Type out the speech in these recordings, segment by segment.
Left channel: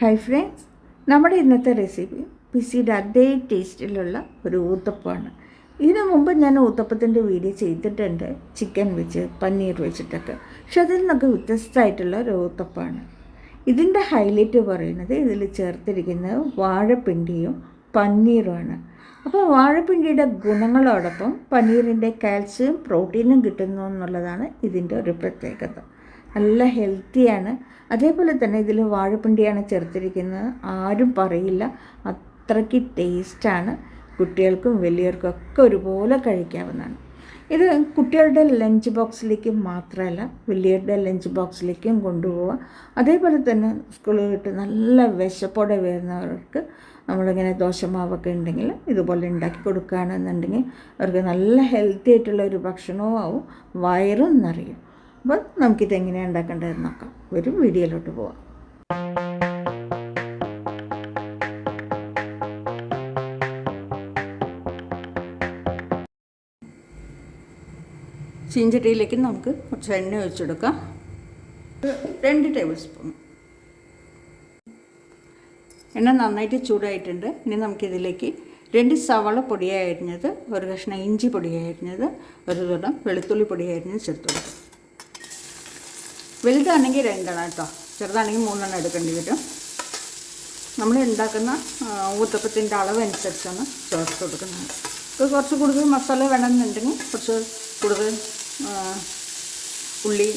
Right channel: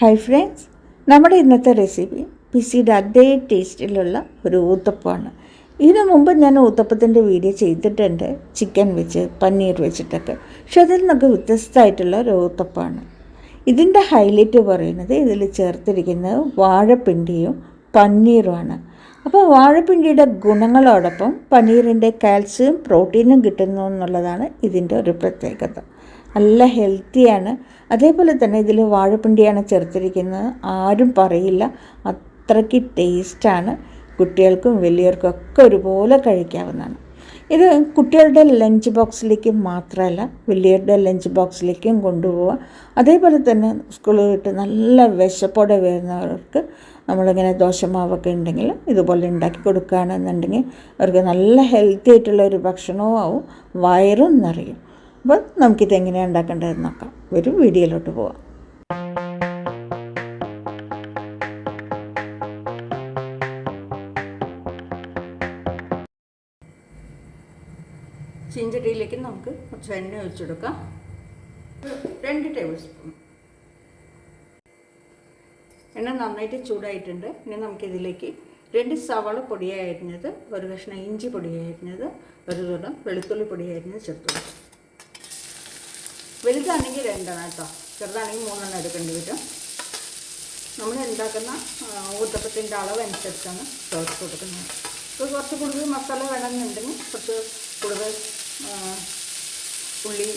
Hi friends, നമ്മുടെ ഇന്നത്തെ recipe പിസിയുടെ അതേ ടേസ്റ്റിലുള്ള ഒരു ഊത്തപ്പമാണ്. ഇതിനു മുമ്പ് ഞാൻ ഊത്തപ്പത്തിൻ്റെ വീഡിയോ ചെയ്തിട്ടുണ്ട്, ചിക്കൻ വെച്ച് പനീർ വെച്ചിട്ടൊക്കെ. പക്ഷെ അതിൽ നിന്നൊക്കെ വ്യത്യസ്തമായിട്ടുള്ള ഒരു ഊത്തപ്പമാണ്. ഇതിൻ്റെ ഹൈലൈറ്റ് പറയുന്നത് ഇതിൽ ചേർത്തിരിക്കുന്നത് വാഴപ്പിണ്ടിയും പനീറുമാണ്. അപ്പോൾ വാഴപ്പിണ്ടിയുടെ ഗുണങ്ങളോടൊപ്പം പനീറിൻ്റെ കാൽസ്യം പ്രോട്ടീനും കിട്ടുന്നു എന്നുള്ളതാണ് ഇതിൻ്റെ ഒരു പ്രത്യേകത. നല്ല ഹെൽത്തിയാണ്. അതേപോലെ തന്നെ ഇതിൽ വാഴപ്പിണ്ടിയാണ് ചേർത്തിരിക്കുന്നത്. ആരും പറയില്ല, അത്രയ്ക്ക് ടേസ്റ്റാണ്. കുട്ടികൾക്കും വലിയവർക്കും ഒക്കെ ഒരുപോലെ കഴിക്കാവുന്നതാണ്. ഇത് കുട്ടികളുടെ ലഞ്ച് ബോക്സിലേക്ക് മാത്രമല്ല, വലിയവരുടെ ലഞ്ച് ബോക്സിലേക്കും കൊണ്ടുപോകാം. അതേപോലെ തന്നെ സ്കൂളിൽ വിട്ട് നല്ല വിശപ്പോടെ വരുന്നവർക്ക് നമ്മളിങ്ങനെ ദോശമാവൊക്കെ ഉണ്ടെങ്കിൽ ഇതുപോലെ ഉണ്ടാക്കി കൊടുക്കുകയാണെന്നുണ്ടെങ്കിൽ അവർക്ക് നല്ല ഹെൽത്തി ആയിട്ടുള്ള ഒരു ഭക്ഷണവും ആവും, വയറും നിറയും. അപ്പോൾ നമുക്കിത് എങ്ങനെയാണ് ഉണ്ടാക്കേണ്ടതെന്ന് നോക്കാം. ഒരു വീഡിയോയിലോട്ട് പോവാം. ചീഞ്ചട്ടിയിലേക്ക് നമുക്ക് കുറച്ച് എണ്ണ ഒഴിച്ചെടുക്കാം. 2 ടേബിൾ സ്പൂൺ എണ്ണ നന്നായിട്ട് ചൂടായിട്ടുണ്ട്. ഇനി നമുക്കിതിലേക്ക് 2 സവാള പൊടിയായി അരിഞ്ഞത്, 1 കഷ്ണം ഇഞ്ചി പൊടിയായി അരിഞ്ഞത്, 1 തുടം വെളുത്തുള്ളി പൊടിയായി അരിഞ്ഞത് ചേർത്ത് കൊടുക്കും. വലുതാണെങ്കിൽ 2 കേട്ടോ, ചെറുതാണെങ്കിൽ 3 എടുക്കേണ്ടി വരും. നമ്മൾ ഉണ്ടാക്കുന്ന ഊത്തപ്പത്തിൻ്റെ അളവനുസരിച്ചാണ് ചേർത്ത് കൊടുക്കുന്നത്. ഇത് കുറച്ച് കൂടുതൽ മസാല വേണമെന്നുണ്ടെങ്കിൽ കുറച്ച് കൂടുതൽ ഉള്ളി,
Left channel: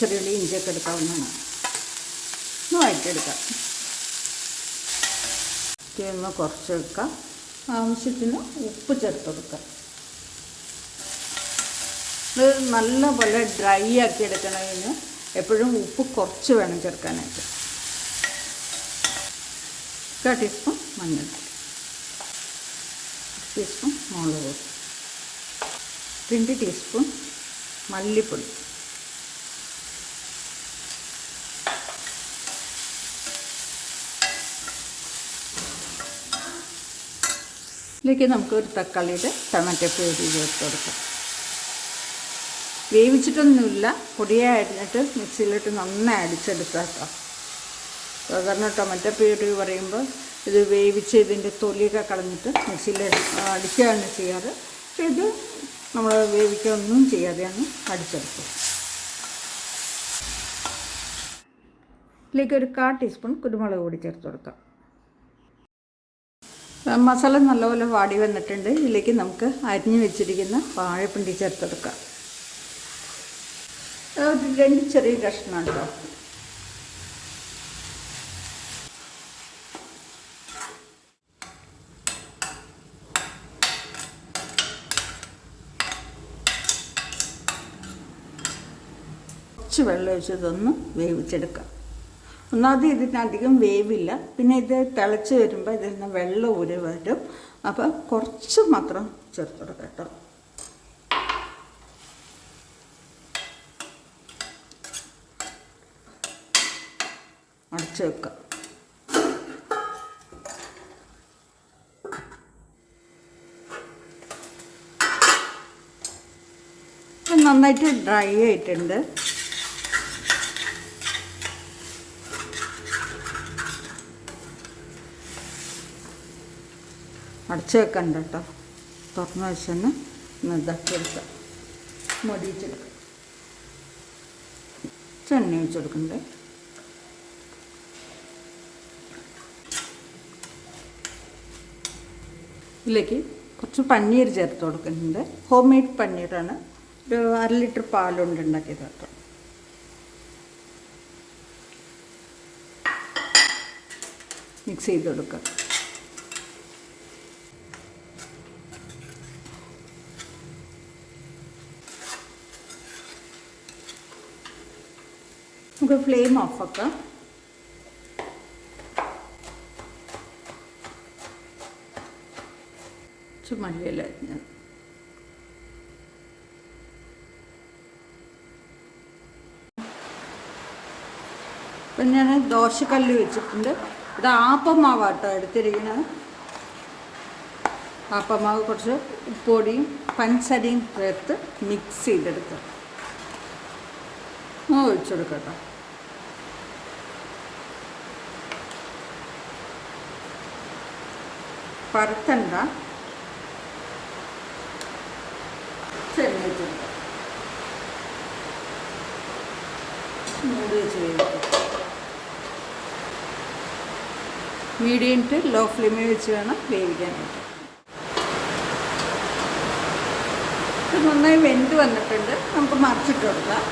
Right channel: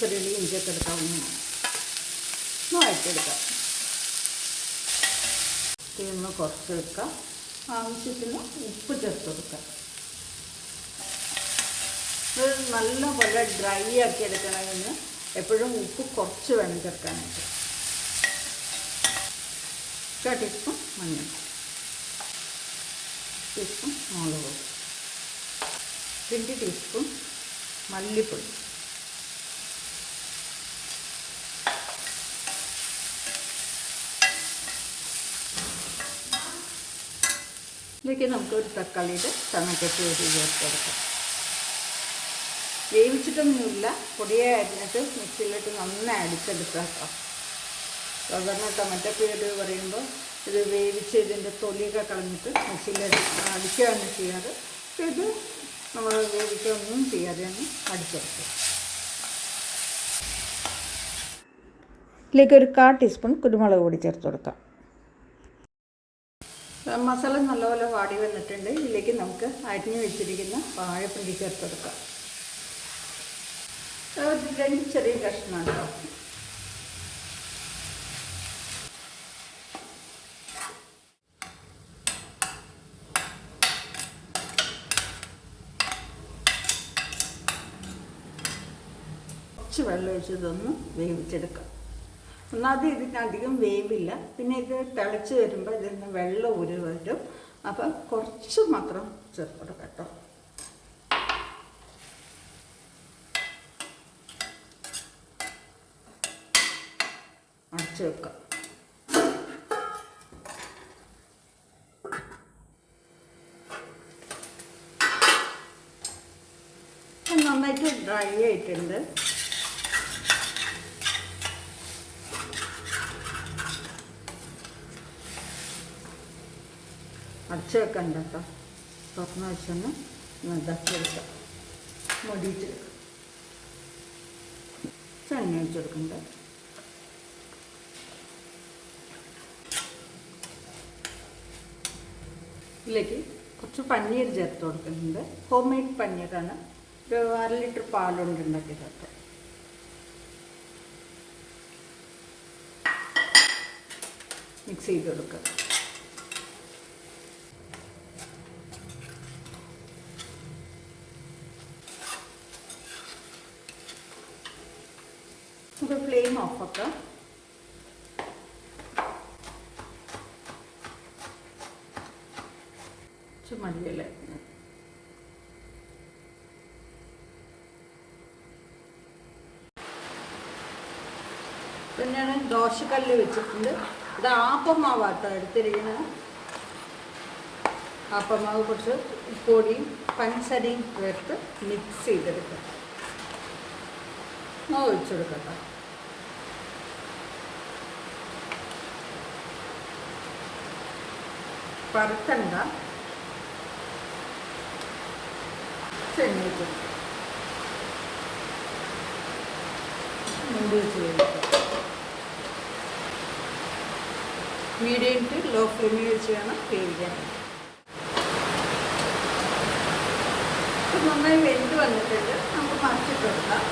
ചെറിയുള്ളി, ഇഞ്ചിയൊക്കെ എടുക്കാവുന്നതാണ്. ഇത് വഴറ്റിയെടുക്കാം. ഒന്ന് കുറച്ച് വെക്കാം. ആവശ്യത്തിന് ഉപ്പ് ചേർത്ത് കൊടുക്കാം. ഇത് നല്ലപോലെ ഡ്രൈ ആക്കി എടുക്കണമെന്ന് എപ്പോഴും ഉപ്പ് കുറച്ച് വേണം ചേർക്കാനായിട്ട്. 1 ടീസ്പൂൺ മഞ്ഞൾ, ടീസ്പൂൺ മുളക്, 2 ടീസ്പൂൺ മല്ലിപ്പൊടി, ഇതിലേക്ക് നമുക്ക് ഒരു തക്കാളിയുടെ ടൊമാറ്റോ പ്യൂരി ചേർത്ത് കൊടുക്കാം. വേവിച്ചിട്ടൊന്നുമില്ല, പൊടിയെ അരിഞ്ഞിട്ട് മിക്സിയിലിട്ട് നന്നായി അടിച്ചെടുക്കാം കേട്ടോ. സാധാരണ ടൊമാറ്റോ പ്യൂരി പറയുമ്പോൾ ഇത് വേവിച്ച് ഇതിൻ്റെ തൊലിയൊക്കെ കളഞ്ഞിട്ട് മിക്സിയിൽ അടിക്കുകയാണ് ചെയ്യാറ്. പക്ഷേ ഇത് നമ്മൾ വേവിക്കുകയൊന്നും ചെയ്യാതെയാണ് അടിച്ചെടുക്കുക. ഇതിലേക്ക് ഒരു 1/4 ടീസ്പൂൺ കുരുമുളക് പൊടി ചേർത്ത് കൊടുക്കാം. മസാല നല്ലപോലെ വാടി വന്നിട്ടുണ്ട്. ഇതിലേക്ക് നമുക്ക് അരിഞ്ഞു വെച്ചിരിക്കുന്ന വാഴപ്പിണ്ടി ചേർത്ത് കൊടുക്കാം. 2 ചെറിയ കഷ്ണം ഉണ്ടോ. കുറച്ച് വെള്ളം ഒഴിച്ചതൊന്ന് വേവിച്ചെടുക്കാം. ഒന്നാമത് ഇതിനധികം വേവില്ല, പിന്നെ ഇത് തിളച്ച് വരുമ്പോൾ ഇതിൽ നിന്ന് വെള്ളം ഊരി വരും. അപ്പോൾ കുറച്ച് മാത്രം ചേർത്ത് കൊടുക്കാം കേട്ടോ. അടച്ച് വെക്കാം. നന്നായിട്ട് ഡ്രൈ ആയിട്ടുണ്ട്. അടച്ച് വെക്കണ്ട കേട്ടോ, തുറന്ന വെച്ചൊന്ന് ഇതാക്കി എടുക്കാം. മൊടിയിച്ചെടുക്കാം. എണ്ണ ഒഴിച്ച് കൊടുക്കുന്നുണ്ട്. ഇതിലേക്ക് കുറച്ച് പനീർ ചേർത്ത് കൊടുക്കുന്നുണ്ട്. ഹോം മെയ്ഡ് പനീറാണ്. ഒരു 1/2 ലിറ്റർ പാലുകൊണ്ട് ഉണ്ടാക്കിയത് കേട്ടോ. മിക്സ് ചെയ്ത് കൊടുക്കുക. നമുക്ക് ഫ്ലെയിം ഓഫ് ആക്കാം. മല്ലിയില ഇപ്പം ഞാൻ ദോശക്കല്ല് വെച്ചിട്ടുണ്ട്. ഇത് ആപ്പമാവാട്ടോ എടുത്തിരിക്കുന്നത്. ആപ്പമാവ് കുറച്ച് ഉപ്പൊടിയും പഞ്ചസാരയും ചേർത്ത് മിക്സ് ചെയ്തെടുക്കുക. ഒഴിച്ചെടുക്കട്ടോ. പരത്തണ്ട, ചെന്നിട്ടുണ്ട് മീഡിയം ടു ലോ ഫ്ലെയിമിൽ വെച്ച് വേണം വേവിക്കാൻ. നന്നായി വെന്ത് വന്നിട്ടുണ്ട്. നമുക്ക് മറിച്ചിട്ട് കൊടുക്കാം.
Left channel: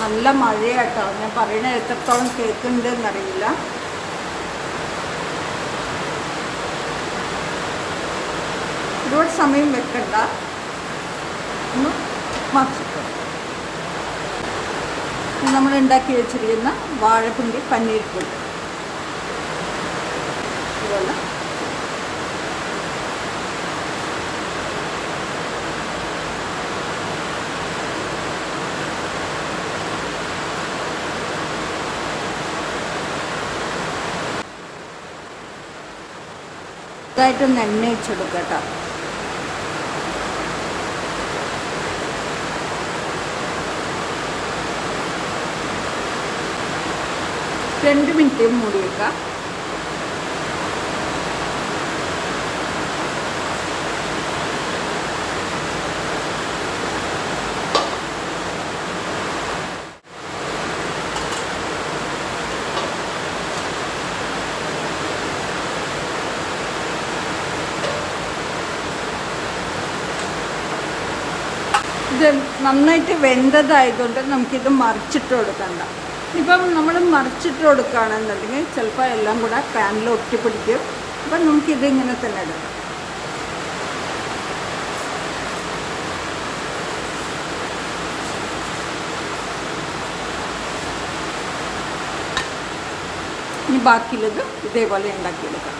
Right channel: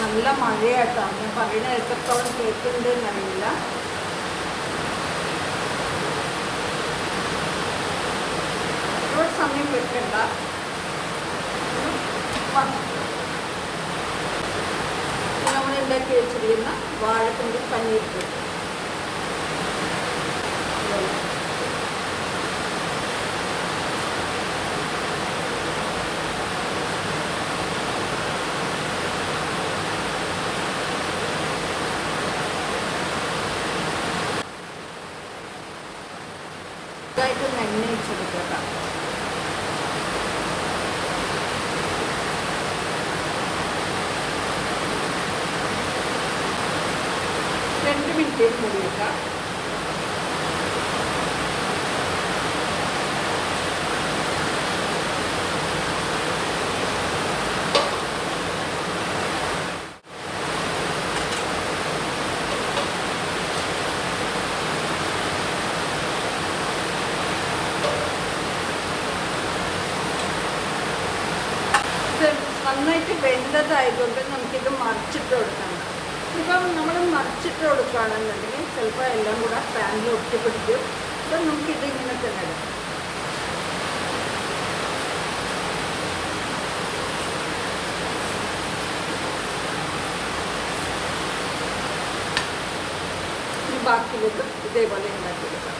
നല്ല മഴയാട്ടോ. ഞാൻ പറയുന്നത് എത്രത്തോളം കേൾക്കുന്നുണ്ട് എന്നറിയില്ല. ഒരുപാട് സമയം വെക്കണ്ട. നമ്മൾ ഉണ്ടാക്കി വെച്ചിരിക്കുന്ന വാഴപ്പിണ്ടി പനീർ കേക്ക് ഇതുപോലെ ഇതായിട്ടൊന്ന് എണ്ണ വെച്ച് കൊടുക്കട്ടോ. രണ്ട് മിനിറ്റ് മൂടി വെക്കാം. ഇത് നന്നായിട്ട് വെന്തതായതുകൊണ്ട് നമുക്കിത് മറിച്ചിട്ട് കൊടുക്കണ്ട. ഇപ്പം നമ്മൾ മറിച്ചിട്ട് കൊടുക്കുകയാണെന്നുണ്ടെങ്കിൽ ചിലപ്പോൾ എല്ലാം കൂടെ പാനിൽ ഒട്ടിപ്പിടിക്കും. അപ്പം നമുക്കിത് ഇങ്ങനെ തന്നെ എടുക്കാം. ഇനി ബാക്കിയുള്ളത് ഇതേപോലെ ഉണ്ടാക്കിയെടുക്കാം.